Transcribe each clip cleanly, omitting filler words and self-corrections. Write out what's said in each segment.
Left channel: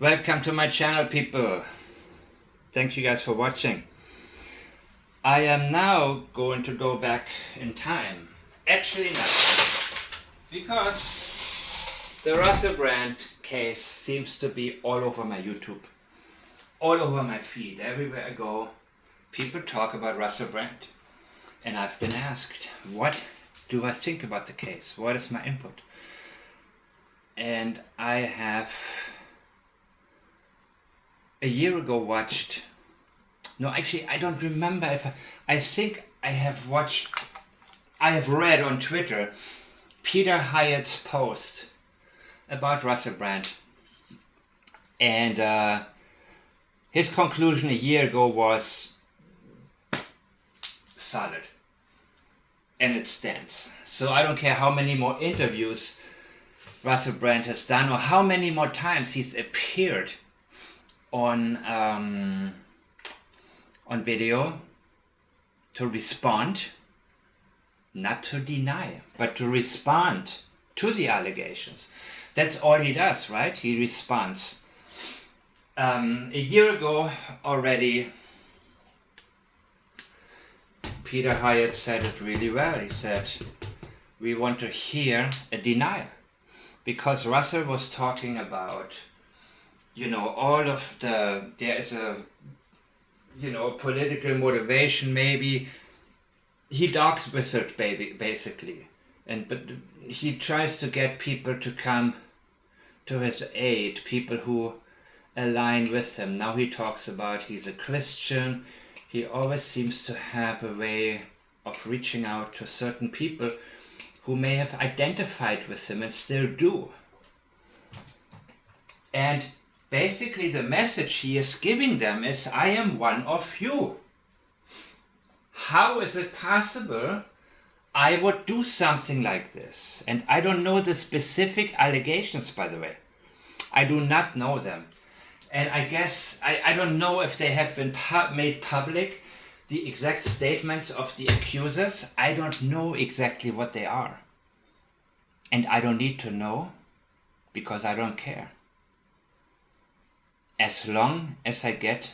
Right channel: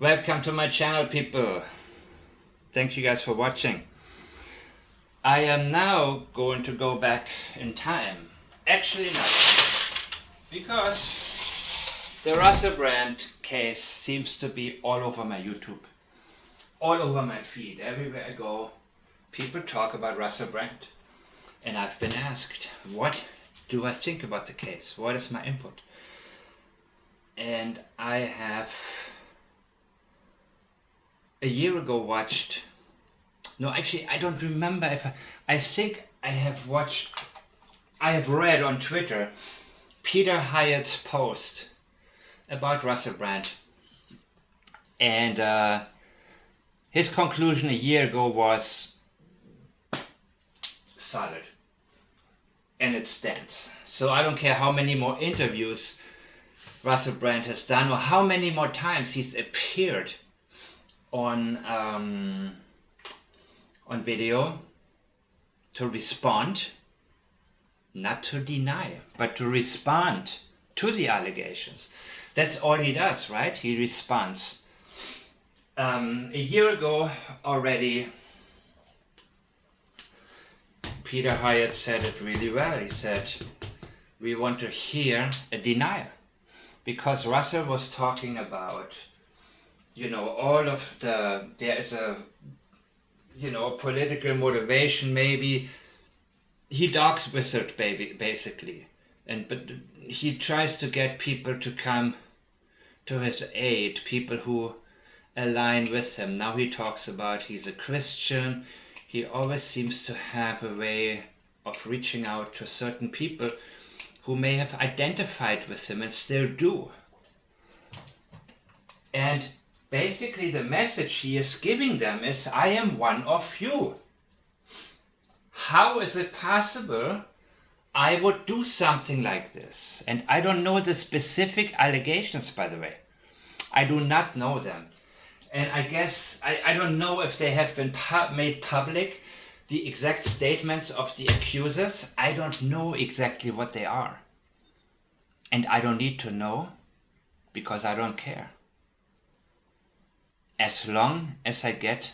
Welcome to my channel, people. Thank you guys for watching. I am now going to go back in time. Actually not, because the Russell Brand case seems to be all over my YouTube, all over my feed. Everywhere I go, people talk about Russell Brand. And I've been asked, what do I think about the case? What is my input? And I have a year ago watched, no, actually I don't remember if I think I have read on Twitter Peter Hyatt's post about Russell Brand. And his conclusion a year ago was solid. And it stands. So I don't care how many more interviews Russell Brand has done or how many more times he's appeared on video to respond, not to deny, but to respond to the allegations. That's all he does, right? He responds. A year ago already, Peter Hyatt said it really well. He said, we want to hear a denial, because Russell was talking about, all of there is a, political motivation maybe. He dogs with it, basically. But he tries to get people to come to his aid, people who align with him. Now he talks about he's a Christian. He always seems to have a way of reaching out to certain people who may have identified with him and still do. And basically the message he is giving them is, I am one of you. How is it possible I would do something like this? And I don't know the specific allegations, by the way. I do not know them. And I guess, I don't know if they have been made public, the exact statements of the accusers. I don't know exactly what they are. And I don't need to know, because I don't care. As long as I get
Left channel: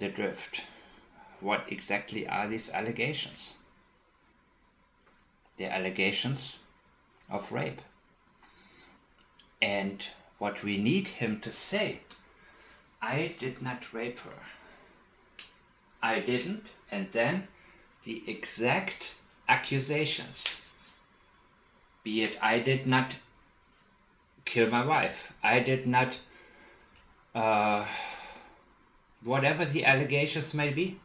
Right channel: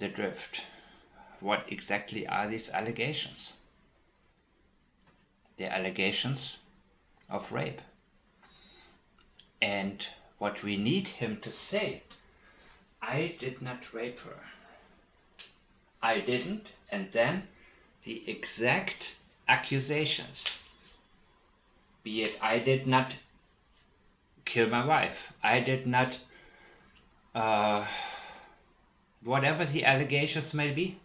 the drift. What exactly are these allegations? They're allegations of rape. And what we need him to say, I did not rape her. I didn't. And then the exact accusations. Be it, I did not kill my wife. I did not, whatever the allegations may be.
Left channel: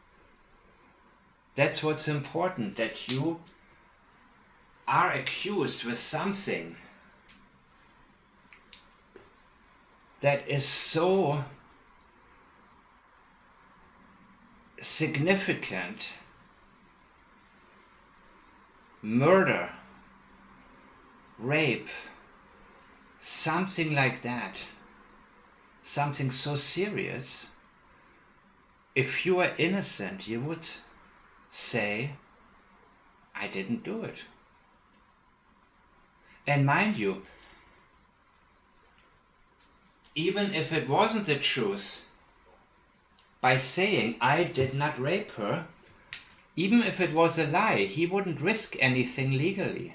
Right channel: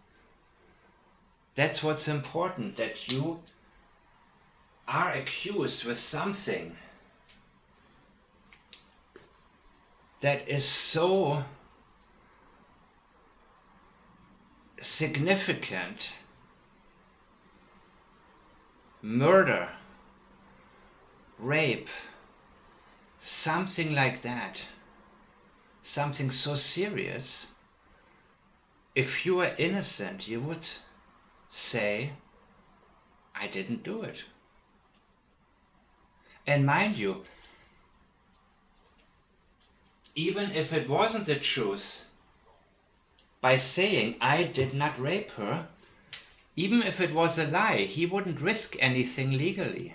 That's what's important, that you are accused with something that is so significant. Murder, rape, something like that, something so serious. If you are innocent, you would say, I didn't do it. And mind you, even if it wasn't the truth, by saying I did not rape her, even if it was a lie, he wouldn't risk anything legally.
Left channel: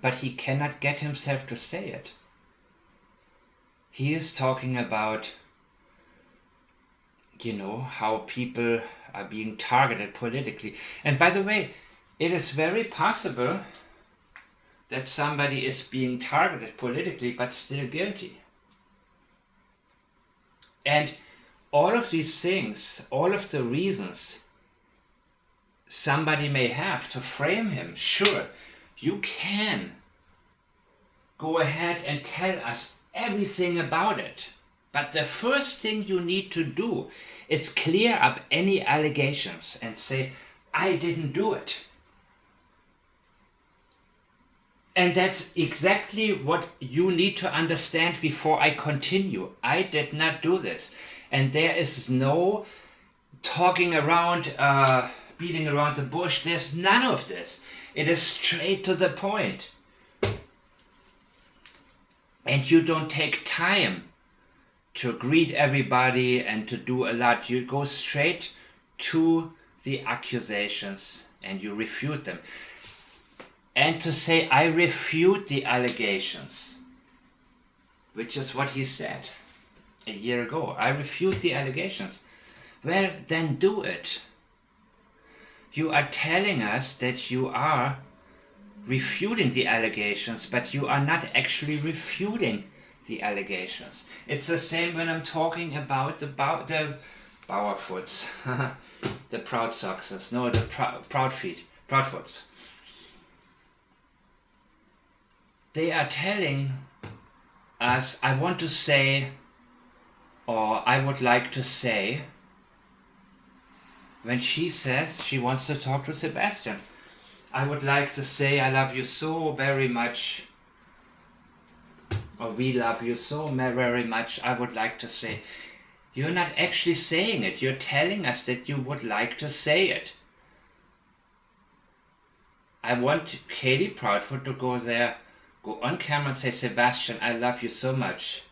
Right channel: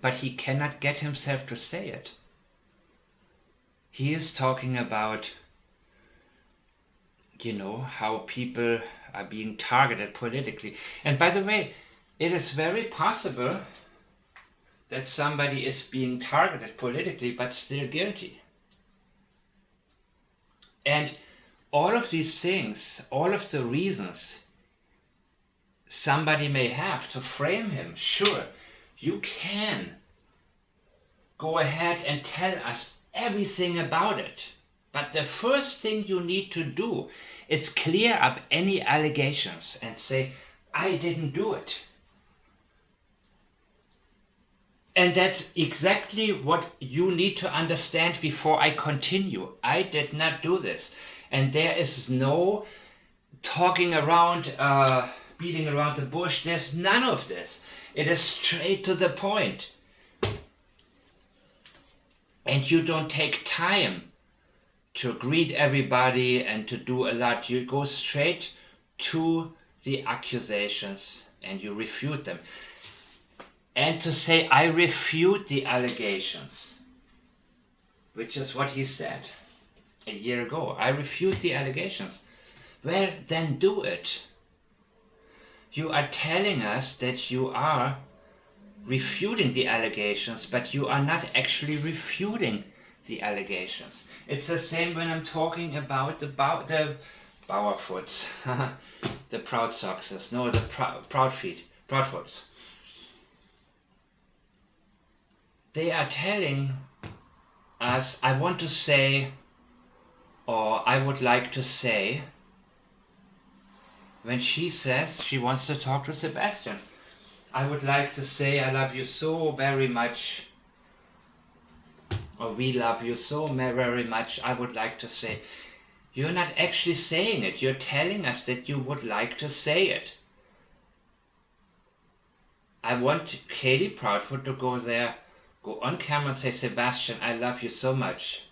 But he cannot get himself to say it. He is talking about, how people are being targeted politically. And by the way, it is very possible that somebody is being targeted politically but still guilty. And all of these things, all of the reasons somebody may have to frame him, sure, you can go ahead and tell us everything about it. But the first thing you need to do is clear up any allegations and say, I didn't do it. And that's exactly what you need to understand before I continue. I did not do this. And there is no talking around, beating around the bush. There's none of this. It is straight to the point. and you don't take time to greet everybody and to do a lot. You go straight to the accusations and you refute them. And to say, I refute the allegations, which is what he said a year ago. I refute the allegations. Well, then do it. You are telling us that you are refuting the allegations, but you are not actually refuting the allegations. It's the same when I'm talking about the Bauerfoots, the Proud Soxes, no, the Proudfoots. They are telling us, I want to say, or I would like to say, when she says she wants to talk to Sebastian, I would like to say I love you so very much, or we love you so very much. I would like to say, you're not actually saying it. You're telling us that you would like to say it. I want Katie Proudfoot to go there, go on camera and say, Sebastian, I love you so much.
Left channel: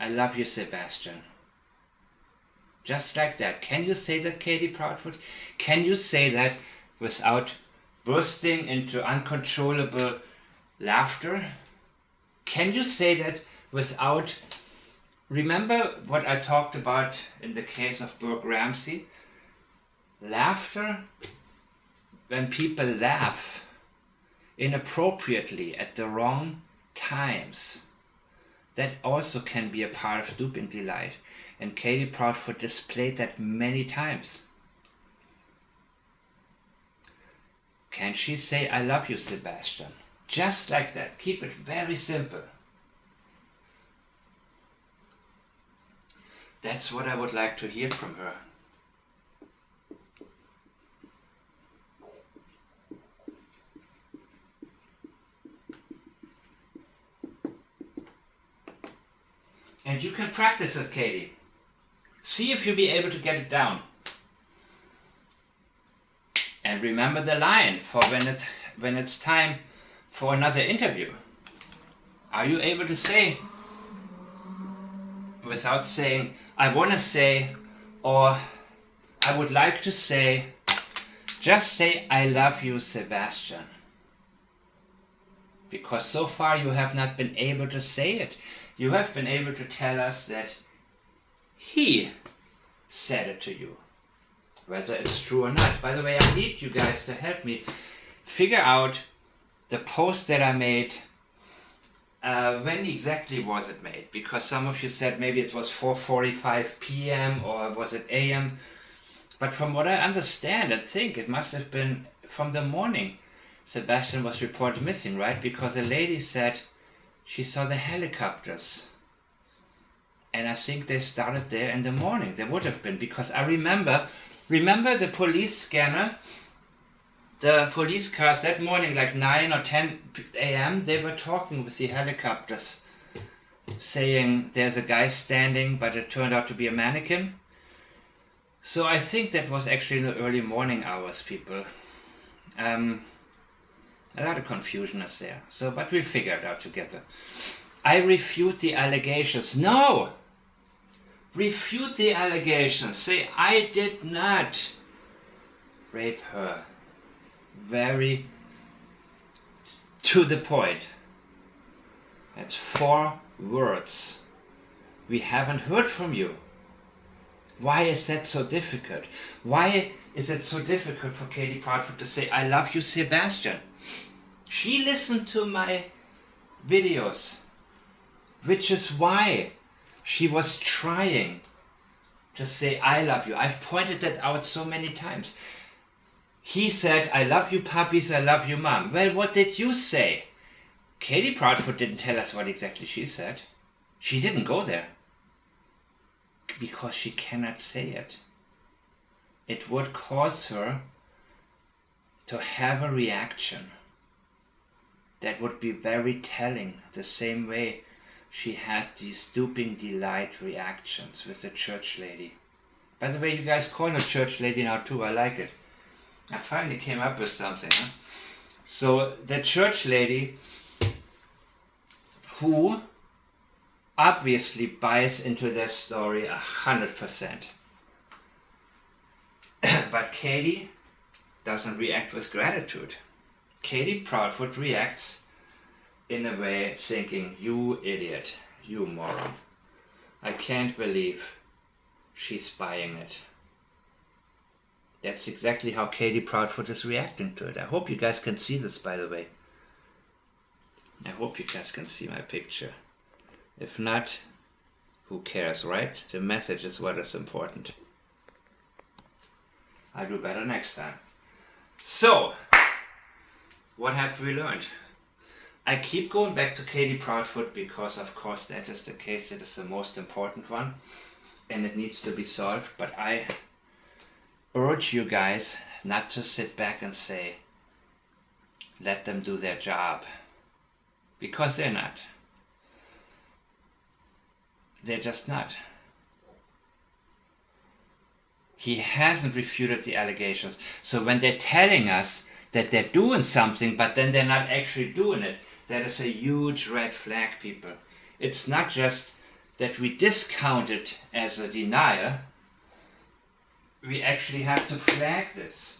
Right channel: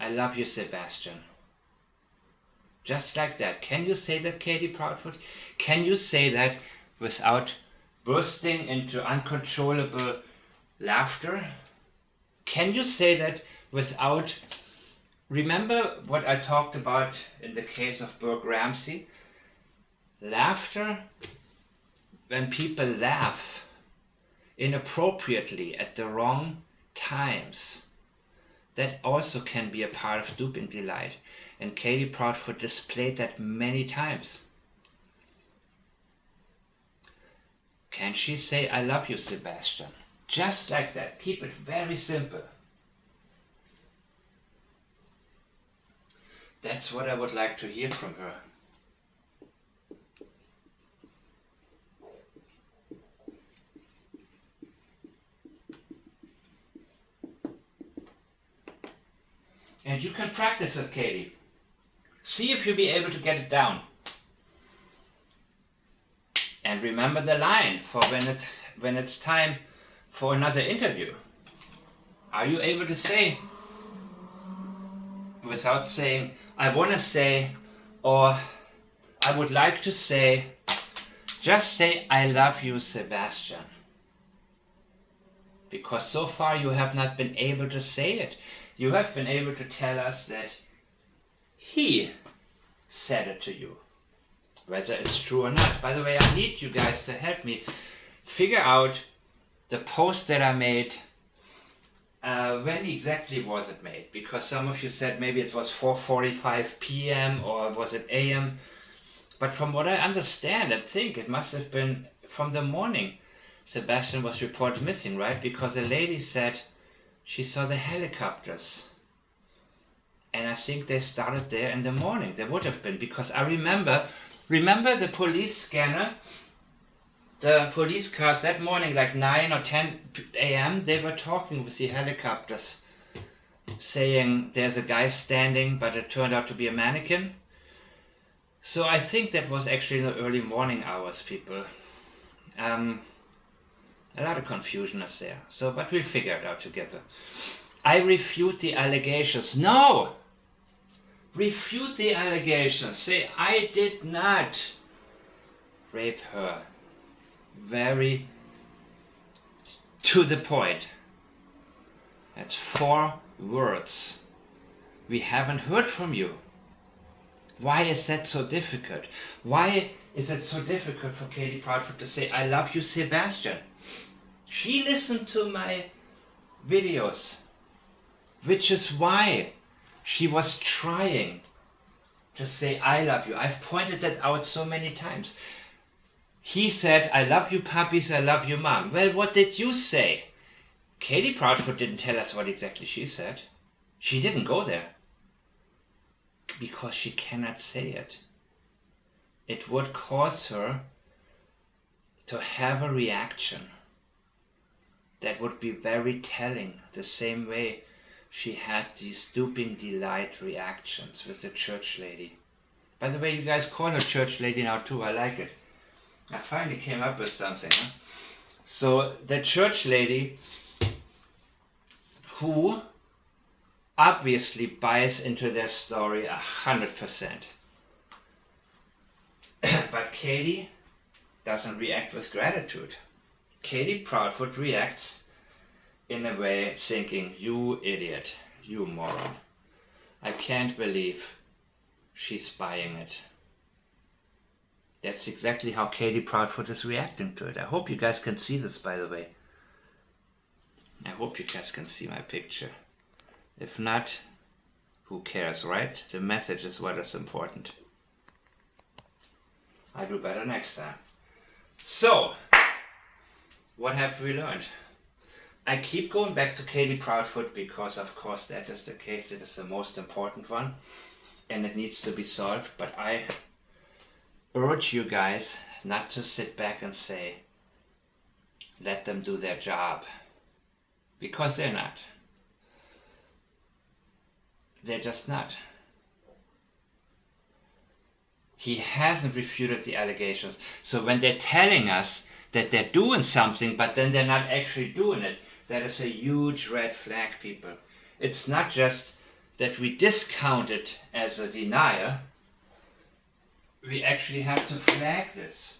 I love you, Sebastian. Just like that. Can you say that, Katie Proudfoot? Can you say that without bursting into uncontrollable laughter? Can you say that without... Remember what I talked about in the case of Burke Ramsey? Laughter, when people laugh inappropriately at the wrong times, that also can be a part of duping delight. And Katie Proudfoot displayed that many times. Can she say, I love you, Sebastian? Just like that. Keep it very simple. That's what I would like to hear from her. And you can practice it, Katie. See if you'll be able to get it down. And remember the line for when it's time for another interview. Are you able to say, without saying, I want to say, or I would like to say, just say, I love you, Sebastian. Because so far you have not been able to say it. You have been able to tell us that he said it to you. Whether it's true or not. By the way, I need you guys to help me figure out the post that I made. When exactly was it made? Because some of you said maybe it was 4:45 p.m. or was it a.m. But from what I understand, I think it must have been from the morning Sebastian was reported missing, right? Because a lady said she saw the helicopters. And I think they started there in the morning. They would have been, because I remember the police scanner, the police cars that morning, like 9 or 10 a.m., they were talking with the helicopters, saying there's a guy standing, but it turned out to be a mannequin. So I think that was actually in the early morning hours, people. A lot of confusion is there. So, but we'll figure it out together. I refute the allegations. No! Refute the allegations. Say, I did not rape her. Very to the point. That's 4 words. We haven't heard from you. Why is that so difficult? Why is it so difficult for Katie Proudfoot to say, I love you, Sebastian? She listened to my videos, which is why she was trying to say, I love you. I've pointed that out so many times. He said, I love you, puppies, I love you, mom. Well, what did you say? Katie Proudfoot didn't tell us what exactly she said. She didn't go there. Because she cannot say it. It would cause her to have a reaction that would be very telling, the same way she had these stooping delight reactions with the church lady. By the way, you guys call her church lady now too, I like it. I finally came up with something. Huh? So the church lady who obviously buys into their story 100%. But Katie doesn't react with gratitude. Katie Proudfoot reacts in a way thinking, you idiot, you moron. I can't believe she's buying it. That's exactly how Katie Proudfoot is reacting to it. I hope you guys can see this, by the way. I hope you guys can see my picture. If not, who cares, right? The message is what is important. I'll do better next time. So, what have we learned? I keep going back to Katie Proudfoot because, of course, that is the case. It is the most important one and it needs to be solved. But I urge you guys not to sit back and say, let them do their job. Because they're not. They're just not. He hasn't refuted the allegations. So when they're telling us that they're doing something, but then they're not actually doing it, that is a huge red flag, people. It's not just that we discount it as a denial. We actually have to flag this.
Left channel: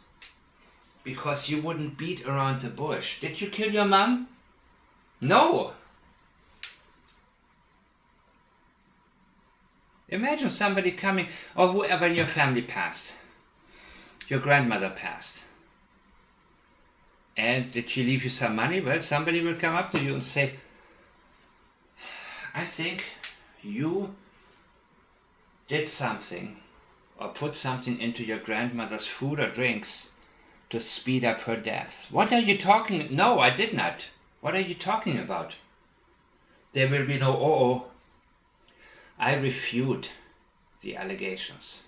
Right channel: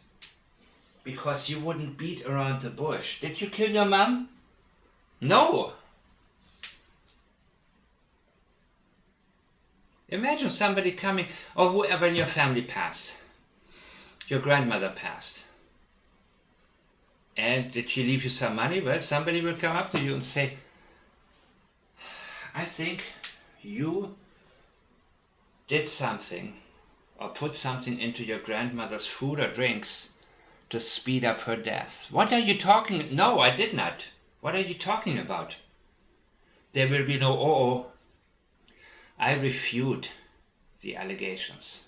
Because you wouldn't beat around the bush. Did you kill your mom? No. Imagine somebody coming, or whoever in your family passed. Your grandmother passed. And did she leave you some money? Well, somebody will come up to you and say, I think you did something or put something into your grandmother's food or drinks to speed up her death. What are you talking? No, I did not. What are you talking about? There will be no, oh. I refute the allegations.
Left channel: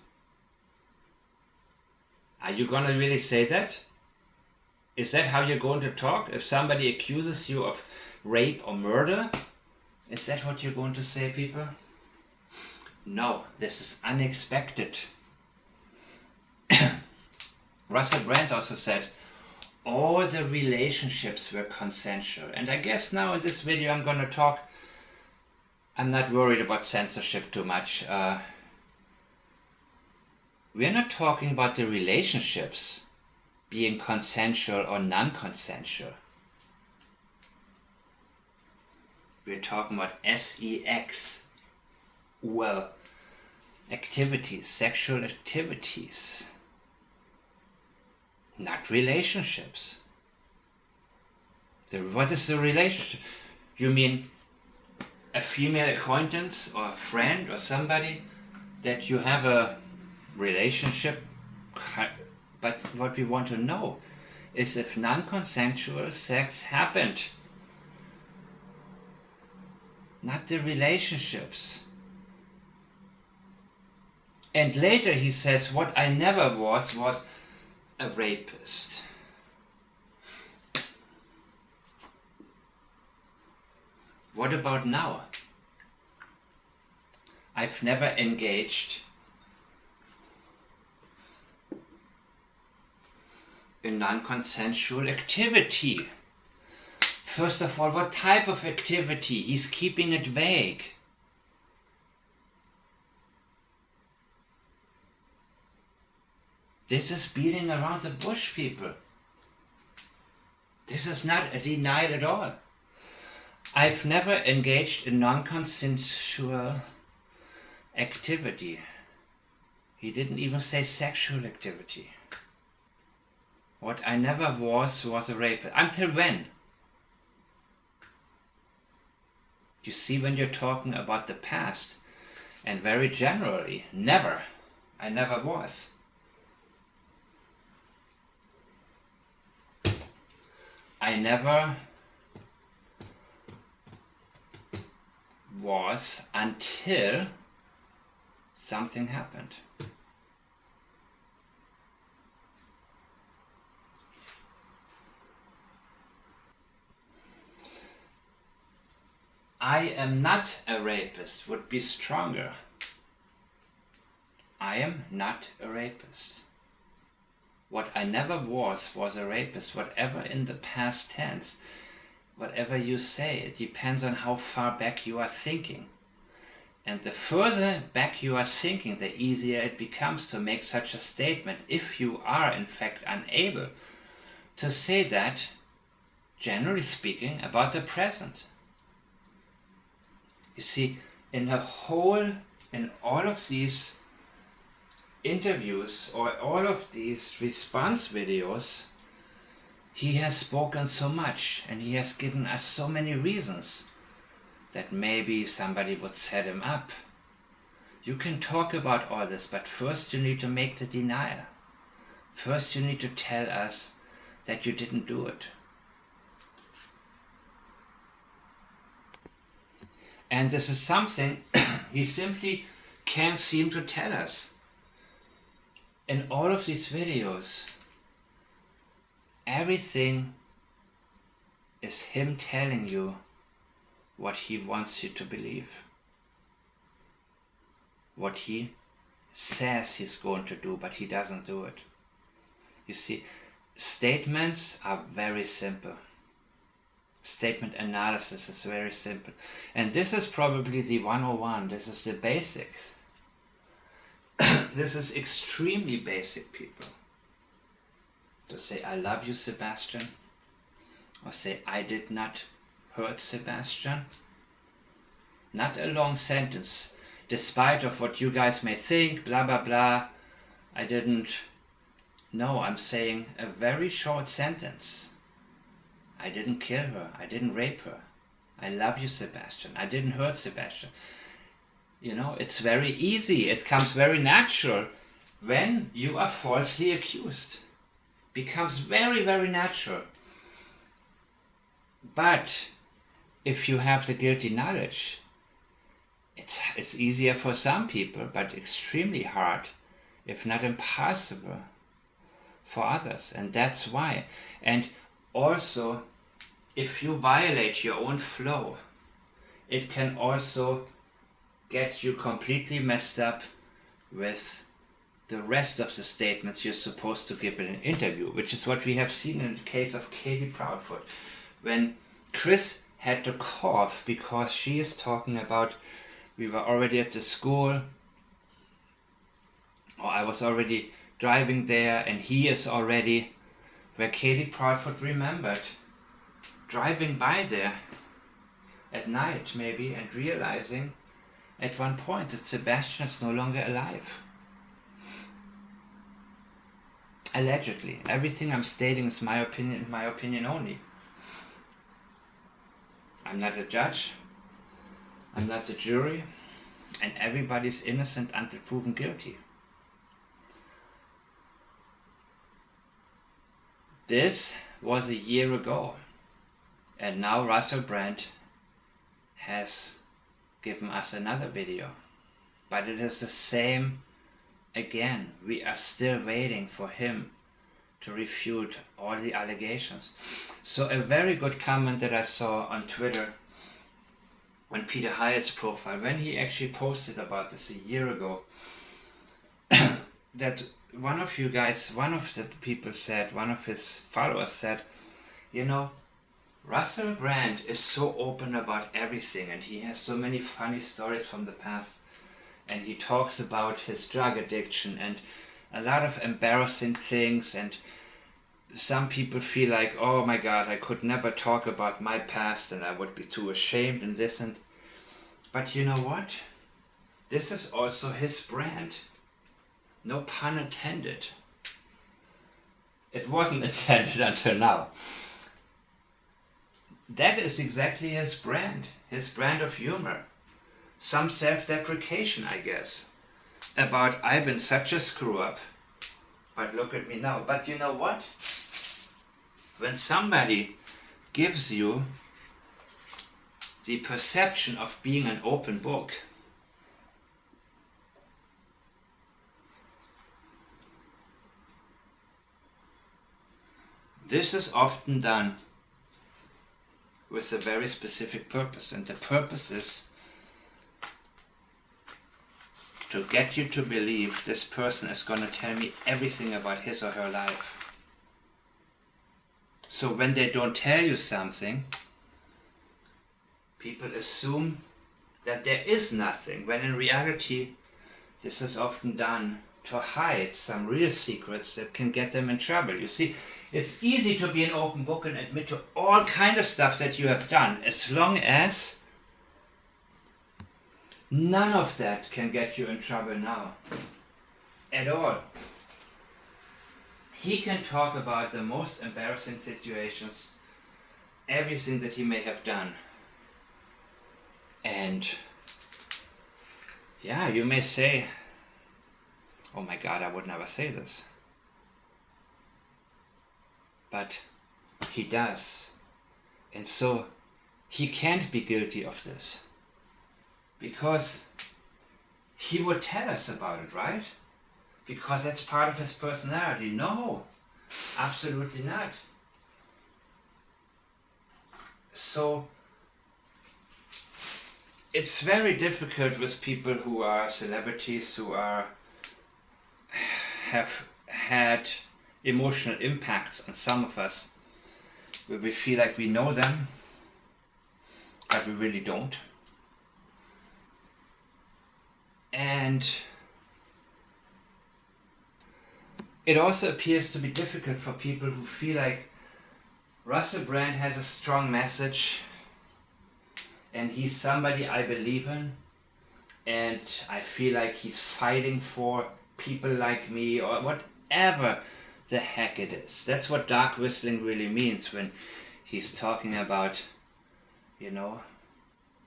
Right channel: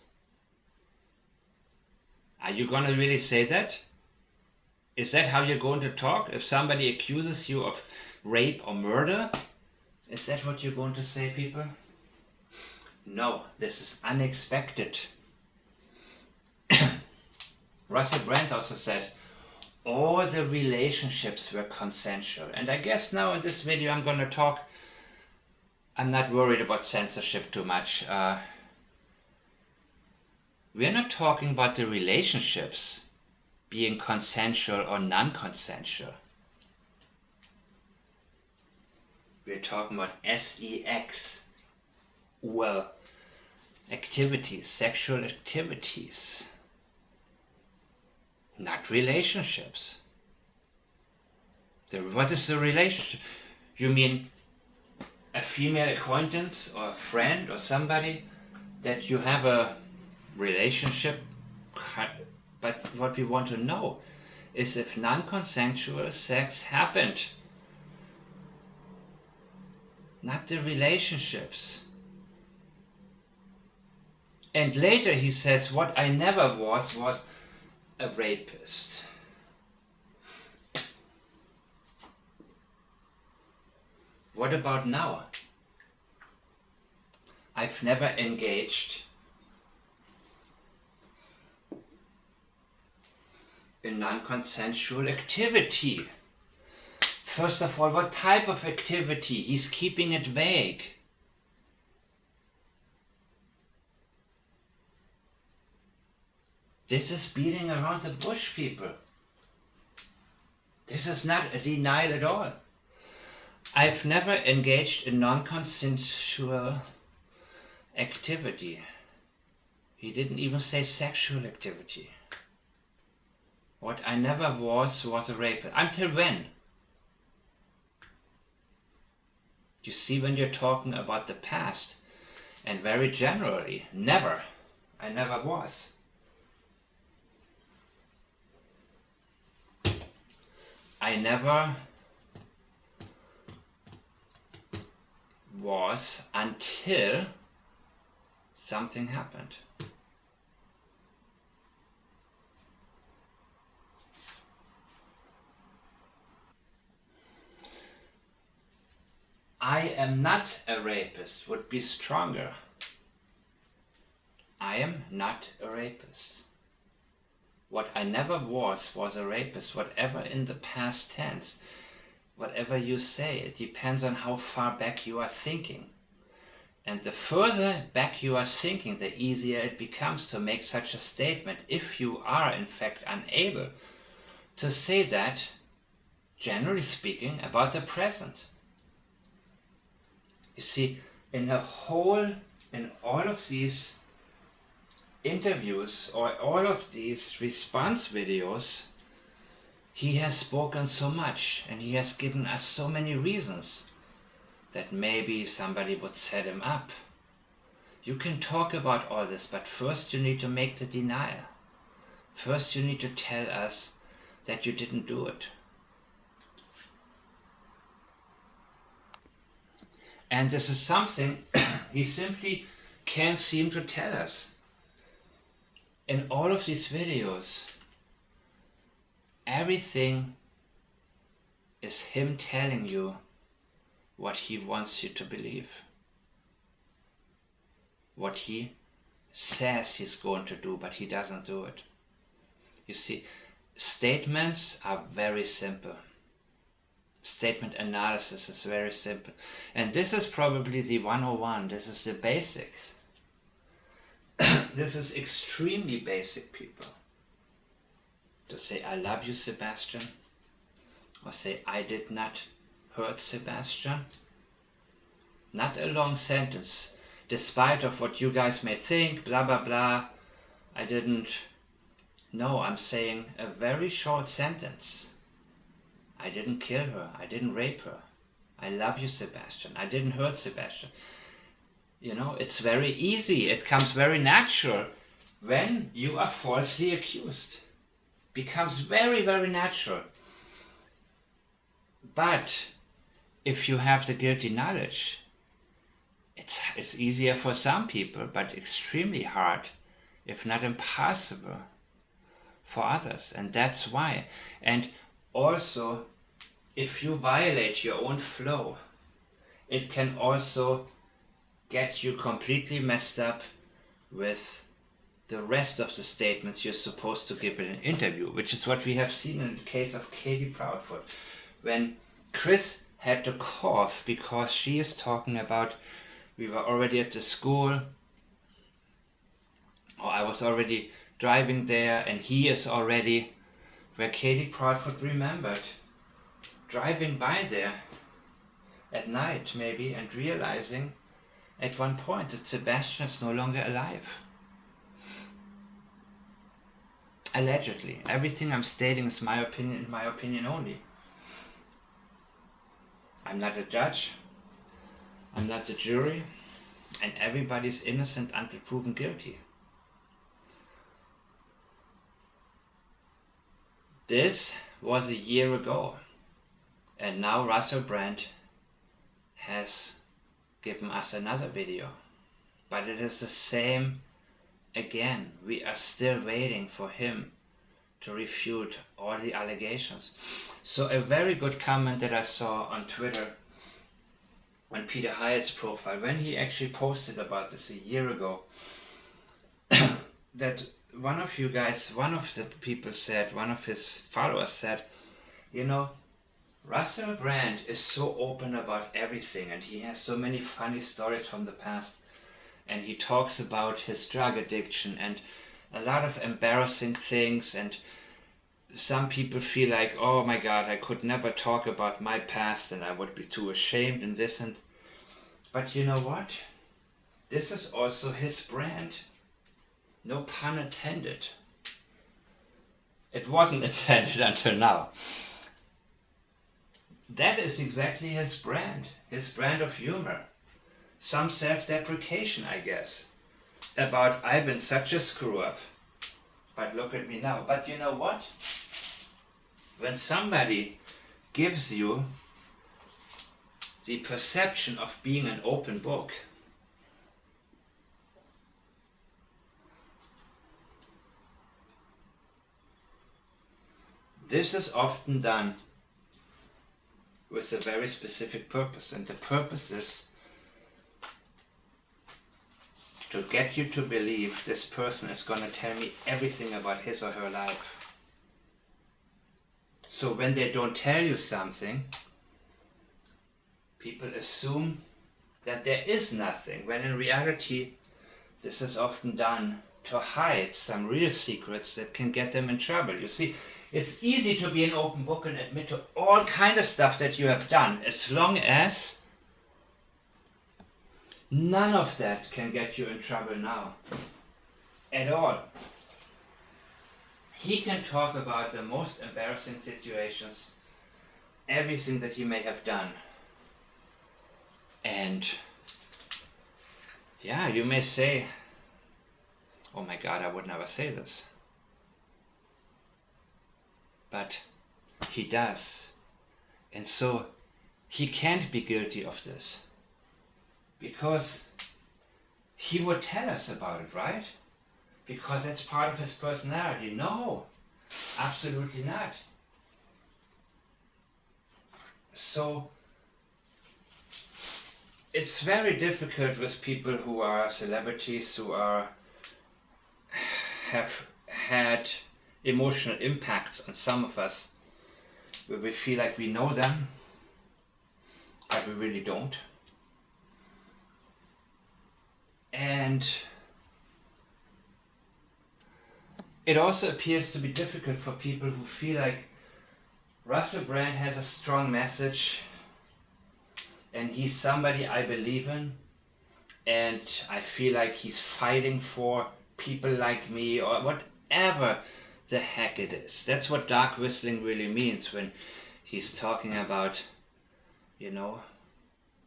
Are you going to really say that? Is that how you're going to talk? If somebody accuses you of rape or murder, is that what you're going to say, people? No, this is unexpected. Russell Brand also said, all the relationships were consensual. And I guess now in this video I'm going to talk, I'm not worried about censorship too much. We're not talking about the relationships being consensual or non-consensual. We're talking about sex, well, activities, sexual activities, not relationships. What is the relationship? You mean a female acquaintance or a friend or somebody that you have a relationship? But what we want to know is if non-consensual sex happened, not the relationships. And later he says, what I never was a rapist. What about now? I've never engaged in non-consensual activity. First of all, what type of activity? He's keeping it vague. This is beating around the bush, people. This is not a denial at all. I've never engaged in non-consensual activity. He didn't even say sexual activity. What I never was a rapist. Until when? You see, when you're talking about the past, and very generally, never. I never was. I never was until something happened. I am not a rapist would be stronger. I am not a rapist. What I never was a rapist. Whatever in the past tense, whatever you say, it depends on how far back you are thinking. And the further back you are thinking, the easier it becomes to make such a statement if you are in fact unable to say that, generally speaking, about the present. You see, in all of these interviews or all of these response videos, he has spoken so much and he has given us so many reasons that maybe somebody would set him up. You can talk about all this, but first you need to make the denial. First you need to tell us that you didn't do it. And this is something he simply can't seem to tell us. In all of these videos, everything is him telling you what he wants you to believe. What he says he's going to do, but he doesn't do it. You see, statements are very simple. Statement analysis is very simple. And this is probably the 101. This is the basics. This is extremely basic, people. To say, I love you, Sebastian. Or say, I did not hurt Sebastian. Not a long sentence. Despite of what you guys may think, blah, blah, blah. I didn't. No, I'm saying a very short sentence. I didn't kill her. I didn't rape her. I love you, Sebastian. I didn't hurt Sebastian. You know, it's very easy. It comes very natural when you are falsely accused. Becomes very, very natural. But if you have the guilty knowledge, it's easier for some people, but extremely hard, if not impossible, for others. And that's why. And also, if you violate your own flow, it can also get you completely messed up with the rest of the statements you're supposed to give in an interview, which is what we have seen in the case of Katie Proudfoot. When Chris had to cough because she is talking about, we were already at the school, or I was already driving there, and he is already, where Katie Proudfoot remembered driving by there at night maybe and realizing at one point that Sebastian is no longer alive. Allegedly. Everything I'm stating is my opinion only. I'm not a judge, I'm not the jury, and everybody's innocent until proven guilty. This was a year ago, and now Russell Brand has given us another video. But it is the same again. We are still waiting for him to refute all the allegations. So a very good comment that I saw on Twitter on Peter Hyatt's profile, when he actually posted about this a year ago, that one of the people said, one of his followers said, you know, Russell Brand is so open about everything, and he has so many funny stories from the past, and he talks about his drug addiction and a lot of embarrassing things, and some people feel like, oh my god, I could never talk about my past and I would be too ashamed and this and... But you know what? This is also his brand. No pun intended. It wasn't intended until now. That is exactly his brand of humor. Some self-deprecation, I guess, about I've been such a screw-up, but look at me now. But you know what? When somebody gives you the perception of being an open book, this is often done with a very specific purpose, and the purpose is to get you to believe this person is going to tell me everything about his or her life. So when they don't tell you something, people assume that there is nothing, when in reality this is often done to hide some real secrets that can get them in trouble. You see, it's easy to be an open book and admit to all kind of stuff that you have done, as long as none of that can get you in trouble now. At all. He can talk about the most embarrassing situations, everything that he may have done. And yeah, you may say, oh my God, I would never say this. But he does. And so he can't be guilty of this. Because he would tell us about it, right? Because that's part of his personality. No, absolutely not. So it's very difficult with people who are celebrities, who have had emotional impacts on some of us, where we feel like we know them, but we really don't. And it also appears to be difficult for people who feel like Russell Brand has a strong message and he's somebody I believe in, and I feel like he's fighting for people like me, or whatever the heck it is. That's what dark whistling really means when he's talking about, you know,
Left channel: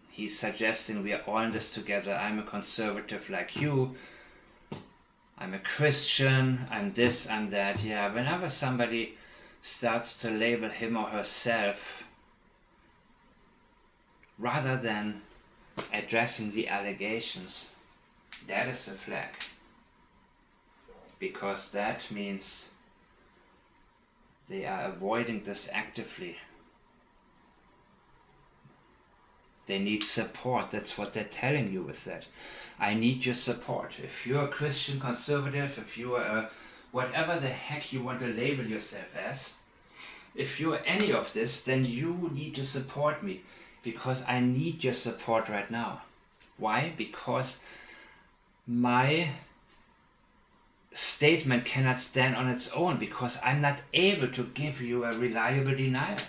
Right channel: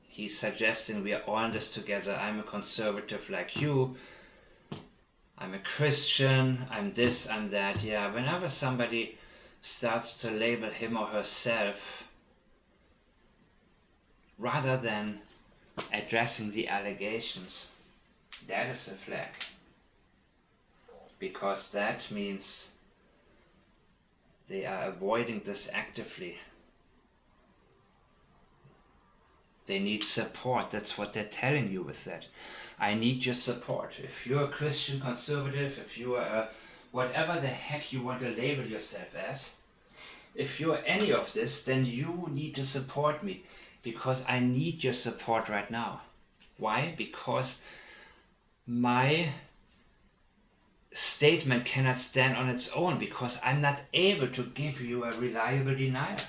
he's suggesting we are all in this together. I'm a conservative like you. I'm a Christian. I'm this, I'm that. Yeah, whenever somebody starts to label him or herself, rather than addressing the allegations, that is a flag. Because that means they are avoiding this actively. They need support. That's what they're telling you with that. I need your support. If you're a Christian conservative, if you are whatever the heck you want to label yourself as, if you're any of this, then you need to support me, because I need your support right now. Why? Because my statement cannot stand on its own, because I'm not able to give you a reliable denial.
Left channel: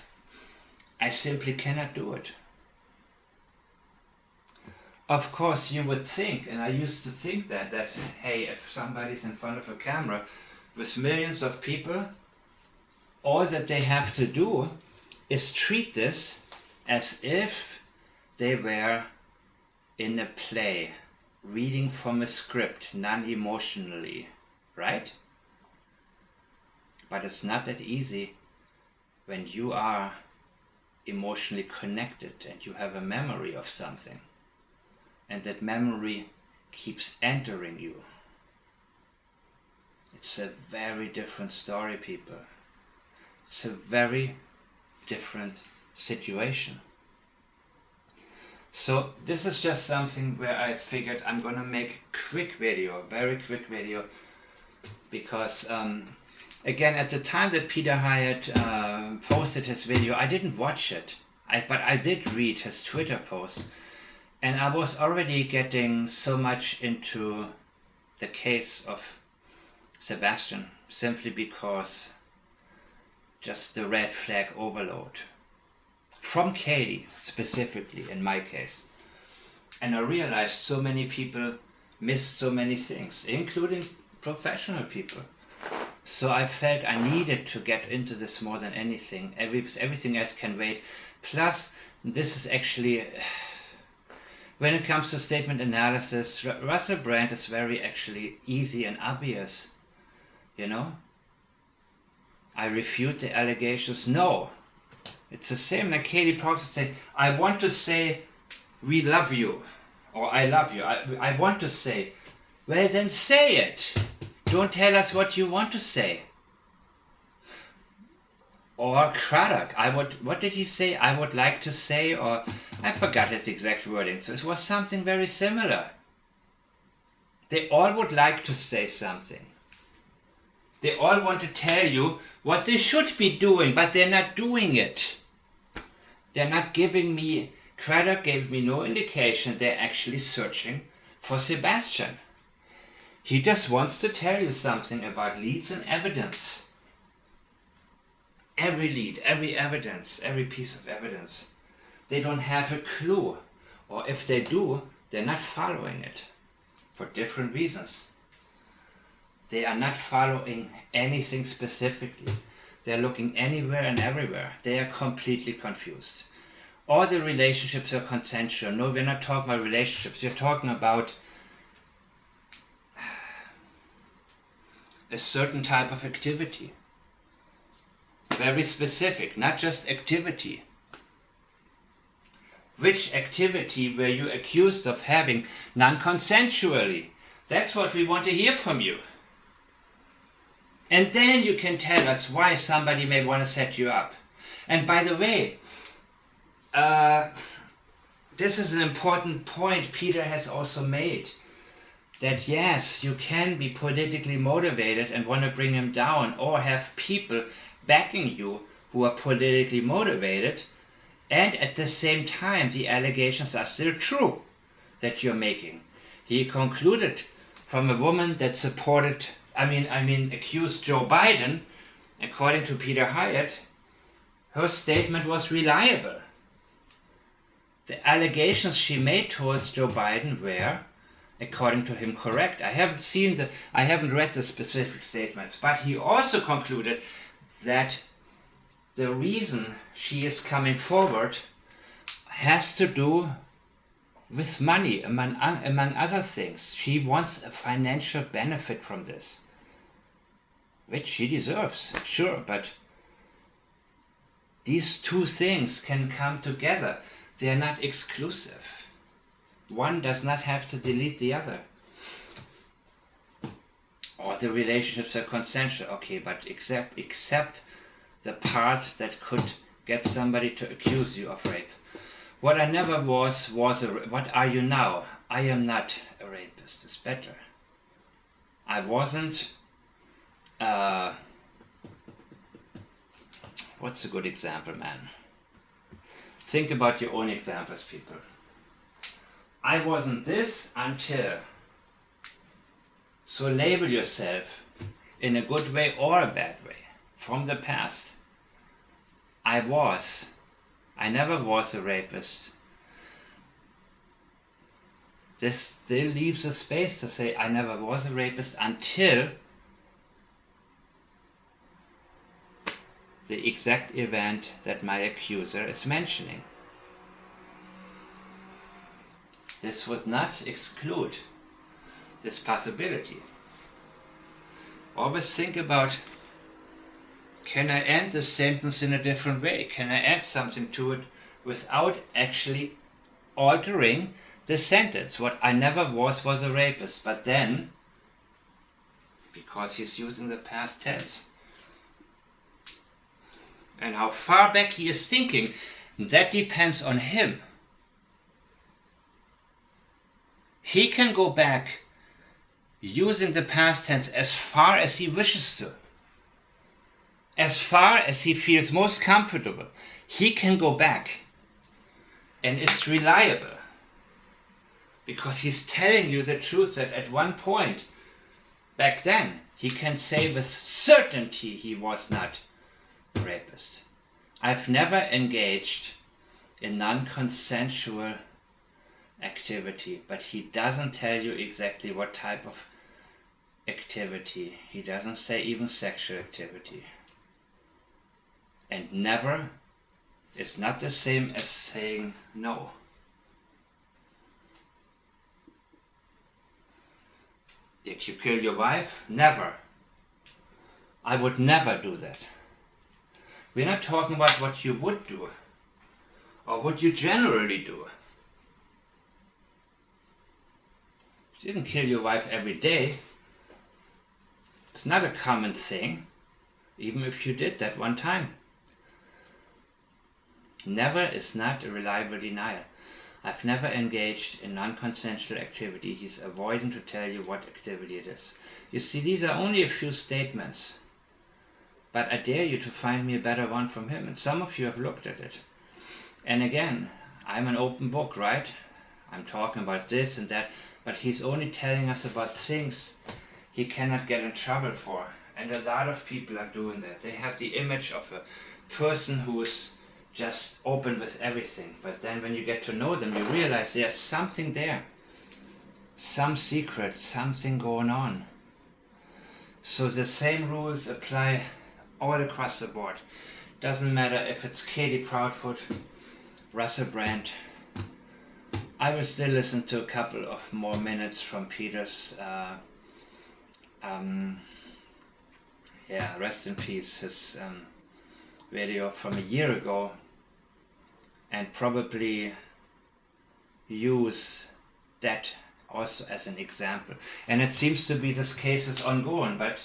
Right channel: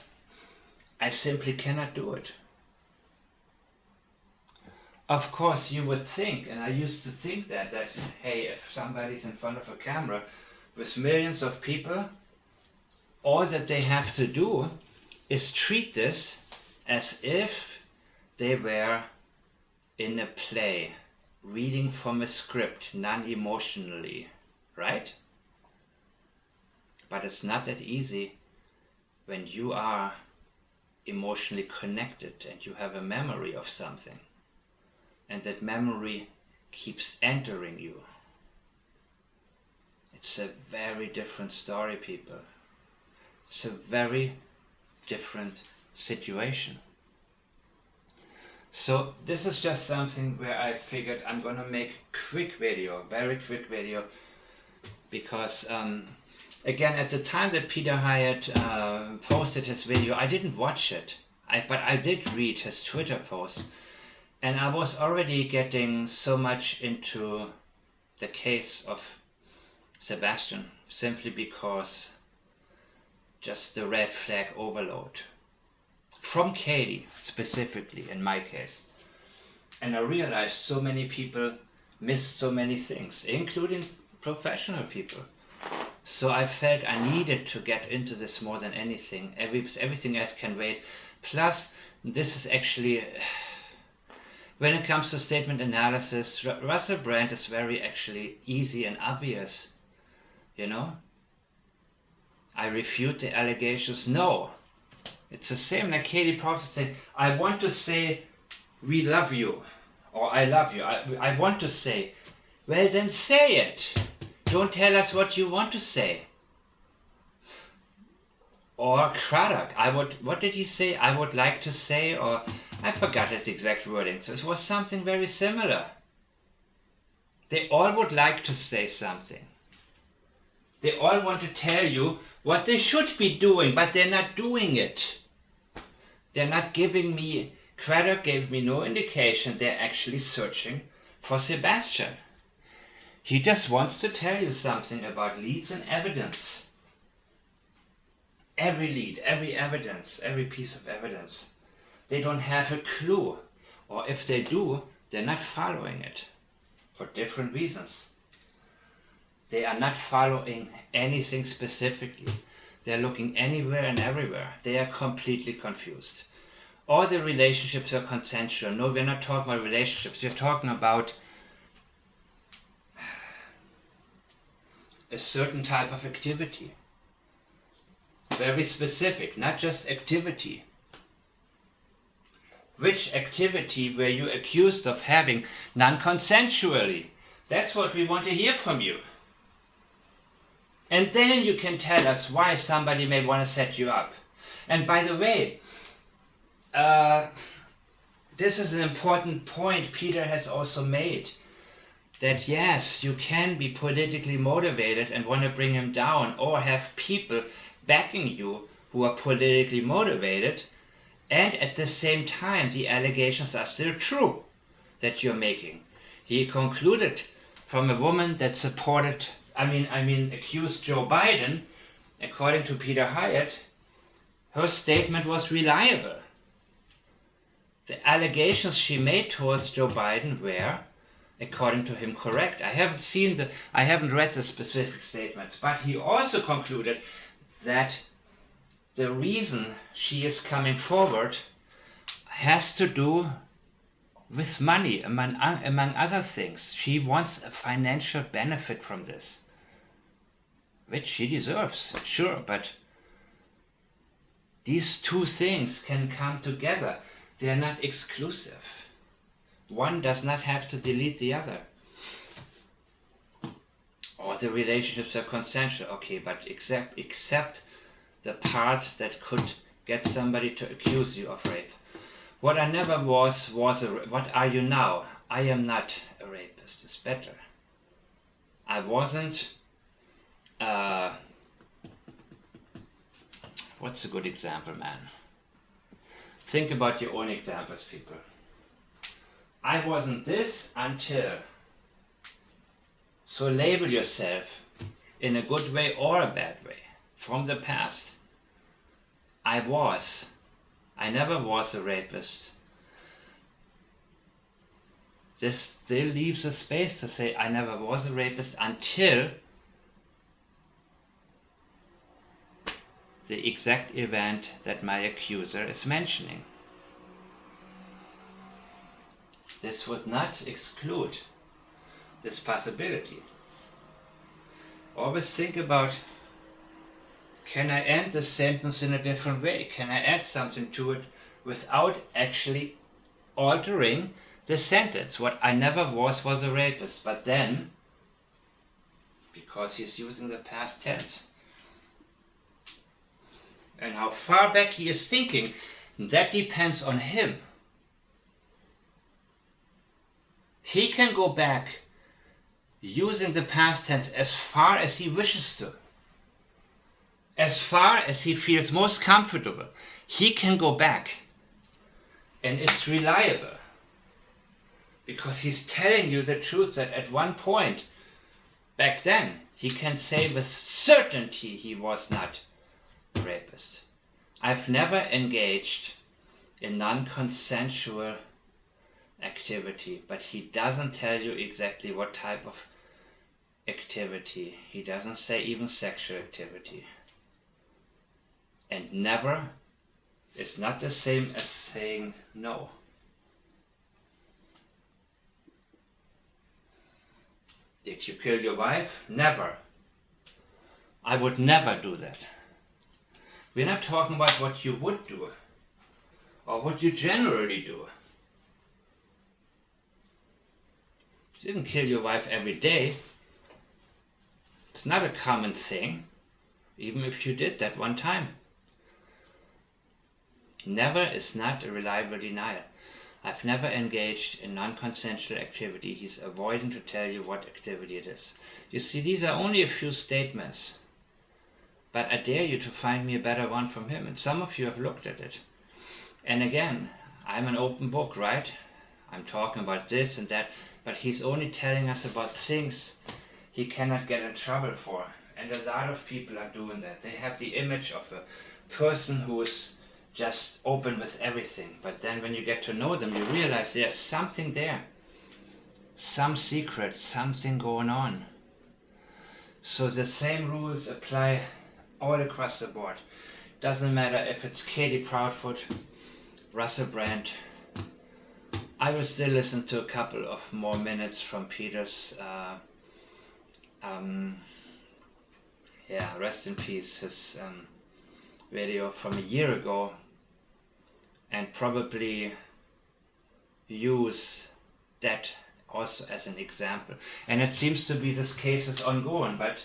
I simply cannot do it. Of course, you would think, and I used to think that hey, if somebody's in front of a camera with millions of people, all that they have to do is treat this as if they were in a play, reading from a script, non-emotionally, right? But it's not that easy when you are emotionally connected and you have a memory of something, and that memory keeps entering you. It's a very different story, people. It's a very different situation. So this is just something where I figured I'm gonna make a quick video, very quick video, because again, at the time that Peter Hyatt posted his video, I didn't watch it, but I did read his Twitter post, and I was already getting so much into the case of Sebastian, simply because just the red flag overload from Katie specifically in my case. And I realized so many people missed so many things, including professional people. So I felt I needed to get into this more than anything. Everything else can wait. Plus, this is actually, when it comes to statement analysis, Russell Brand is very actually easy and obvious. You know? I refute the allegations. No. It's the same like Katie Proctor saying, I want to say we love you, or I love you. I want to say. Well, then say it. Don't tell us what you want to say. Or Craddock, what did he say? I would like to say, or I forgot his exact wording. So it was something very similar. They all would like to say something. They all want to tell you what they should be doing, but they're not doing it. They're not giving me Craddock gave me no indication they're actually searching for Sebastian. He just wants to tell you something about leads and evidence. Every lead, every evidence, every piece of evidence. They don't have a clue. Or if they do, they're not following it for different reasons. They are not following anything specifically. They're looking anywhere and everywhere. They are completely confused. All the relationships are consensual. No, we're not talking about relationships. We're talking about a certain type of activity. Very specific, not just activity. Which activity were you accused of having non-consensually? That's what we want to hear from you. And then you can tell us why somebody may want to set you up. And by the way, this is an important point Peter has also made. That yes, you can be politically motivated and want to bring him down, or have people backing you who are politically motivated, and at the same time the allegations are still true that you're making. He concluded from a woman that supported, accused Joe Biden, according to Peter Hyatt, her statement was reliable. The allegations she made towards Joe Biden were, according to him, correct. I haven't read the specific statements, but he also concluded that the reason she is coming forward has to do with money, among other things. She wants a financial benefit from this, which she deserves, sure, but these two things can come together. They are not exclusive. One does not have to delete the other. Or the relationships are consensual. Okay, but except the part that could get somebody to accuse you of rape. What I never was what are you now? I am not a rapist. It's better. I wasn't. What's a good example, man? Think about your own examples, people. I wasn't this until. So label yourself in a good way or a bad way from the past. I never was a rapist. This still leaves a space to say I never was a rapist until the exact event that my accuser is mentioning. This would not exclude this possibility. Always think about, can I end the sentence in a different way? Can I add something to it without actually altering the sentence? What I never was a rapist, but then, because he's using the past tense, and how far back he is thinking, that depends on him. He can go back using the past tense as far as he wishes to. As far as he feels most comfortable, he can go back. And it's reliable. Because he's telling you the truth that at one point, back then, he can say with certainty he was not a rapist. I've never engaged in non-consensual activity, but he doesn't tell you exactly what type of activity. He doesn't say even sexual activity. And never is not the same as saying no. Did you kill your wife? Never. I would never do that. We're not talking about what you would do or what you generally do. You didn't kill your wife every day. It's not a common thing, even if you did that one time. Never is not a reliable denial. I've never engaged in non-consensual activity. He's avoiding to tell you what activity it is. You see, these are only a few statements. But I dare you to find me a better one from him. And some of you have looked at it. And again, I'm an open book, right? I'm talking about this and that, but he's only telling us about things he cannot get in trouble for. And a lot of people are doing that. They have the image of a person who's just open with everything, but then when you get to know them, you realize there's something there, some secret, something going on. So the same rules apply all across the board. Doesn't matter if it's Katie Proudfoot, Russell Brand. I will still listen to a couple of more minutes from Peter's rest in peace, his video from a year ago, and probably use that also as an example. And it seems to be this case is ongoing, but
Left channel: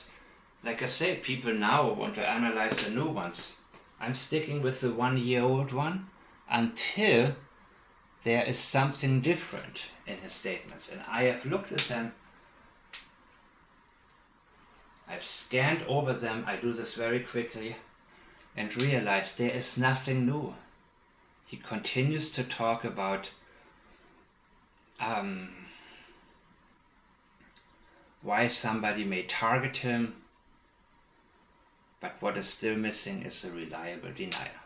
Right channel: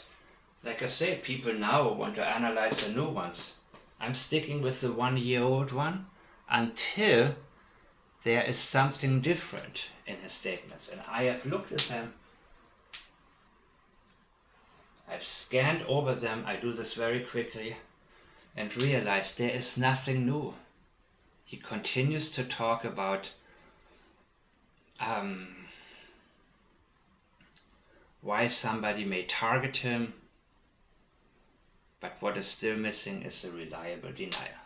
like I said, people now want to analyze the new ones. I'm sticking with the 1-year-old one until there is something different in his statements. And I have looked at them, I've scanned over them, I do this very quickly, and realized there is nothing new. He continues to talk about why somebody may target him, but what is still missing is a reliable denial.